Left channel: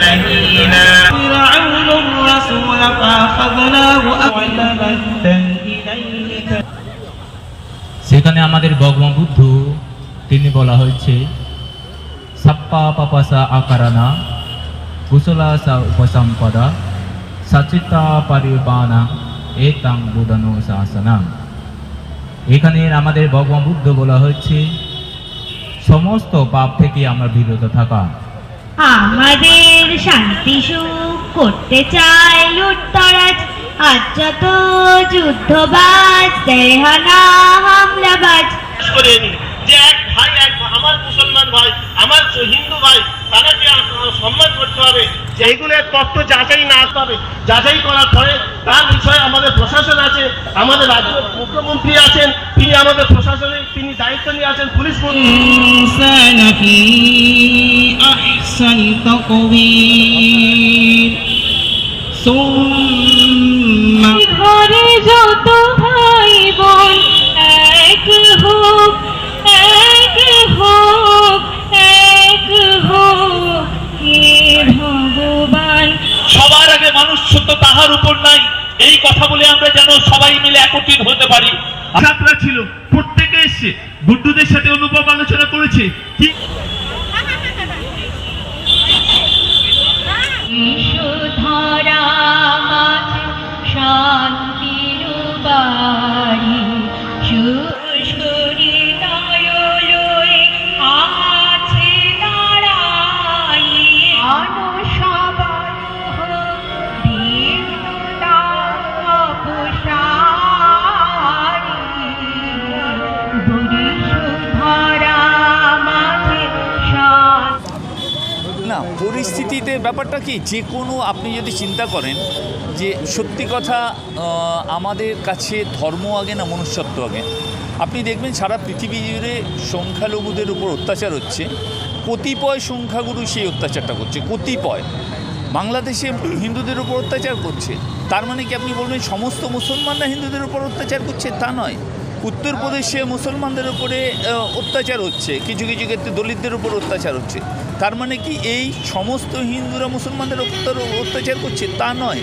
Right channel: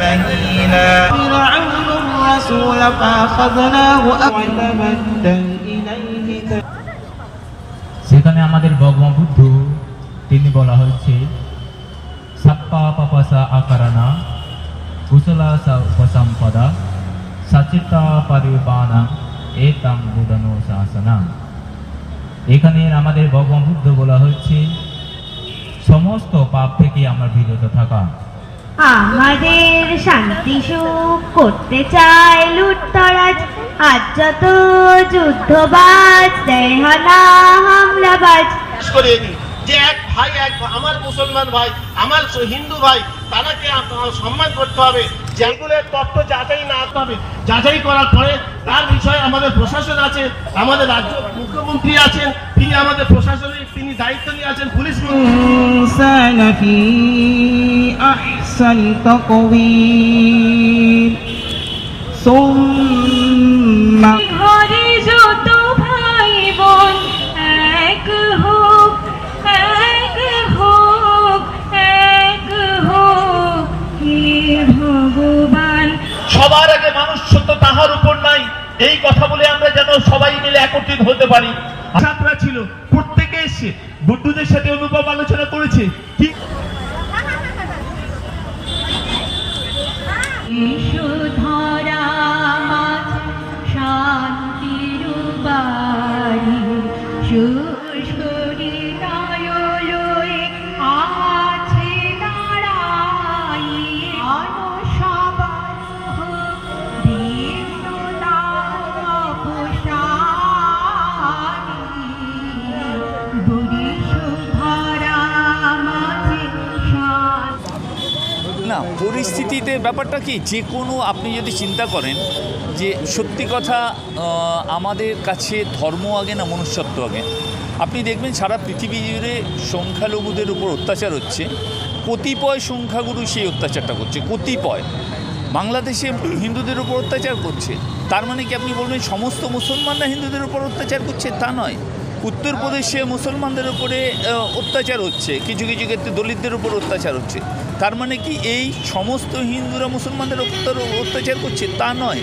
مهينا الرسول فأخذناه أعلما সেখানে আমাদের ভগবান বুদ্ধ তিনি বলা হয়েছে, সাপ্পা পাপাসা আকারানা, কুশলা সা উপসম্পদা সচিতা পরিবানা এতাং বুদনো শাসনা। এখানে আমাদের ভগবান বুদ্ধ বলা হয়েছে, সমস্ত পাপ থেকে আমরা বিরত থাকা। আমাদের শান্তি সুখ করতে চায় লুটতরাজ। আজ যত যুদ্ধবাজ দেহ না হামলাবাজ। বিশ্বাস করে নি যে এক ভাই এক আমার মুসলমান ভাই আমার হিন্দু ভাই তারাকে সম্মান করতে হবে। যেগুলোর তথ্য যাচাই না হবে যাচাই করার পরে তার বিষয়ে আমাদের প্রশাসন আছে আমাদের রাজ্য মুখ্যমন্ত্রী আছেন তিনি আমাদের প্রশাসনিক তিনি দায়িত্ব নিয়ে আছেন পুলিশ মন্ত্রী। الإنسان في أحسن تقويم ثم ঘরে যত ভাই বোন এক হোক এক হোক এক হোক হে ভগবান সবার আগে মানুষ শুদ্ধ তাহার উপর নাই এই কথা বলে আমরা যেন সবাই মিলে একত্রিত হতে পারি যাত্রা ছিল প্রত্যেকে এসছে বুদ্ধদের সাথে অনুভব আলোচনা করেছে কি me. না, পরিস্থিতিতে ব্যাপারটা কি? যে কোনো আপনি যদি চিন্তা করেন যে সত্যি কথা আমাদের কাছে ধর্ম আগে না মনুষ্যত্ব আগে? আপনি দেখবেন সারা পৃথিবী জুড়ে সংখ্যালঘুদের উপর অত্যাচার হচ্ছে। কতিপয় সংখ্যাগুরু সেই অত্যাচারটা করছে, কতিপয়। বাংলাদেশে হিন্দুদের উপর অত্যাচার করছে। তার মানে কি আপনি বলবেন, সমস্ত মুসলমানরা হিন্দুদের উপর অত্যাচার করছে? তা নয়। উত্তরপ্রদেশে মুসলমানদের উপরে অত্যাচার হচ্ছে, কিছু কিছু ক্ষেত্রে দলিতদের উপর অত্যাচার হচ্ছে। তার মানে কি এই সমস্ত হিন্দুরা মুসলমানদের অত্যাচার করছে? তা নয়।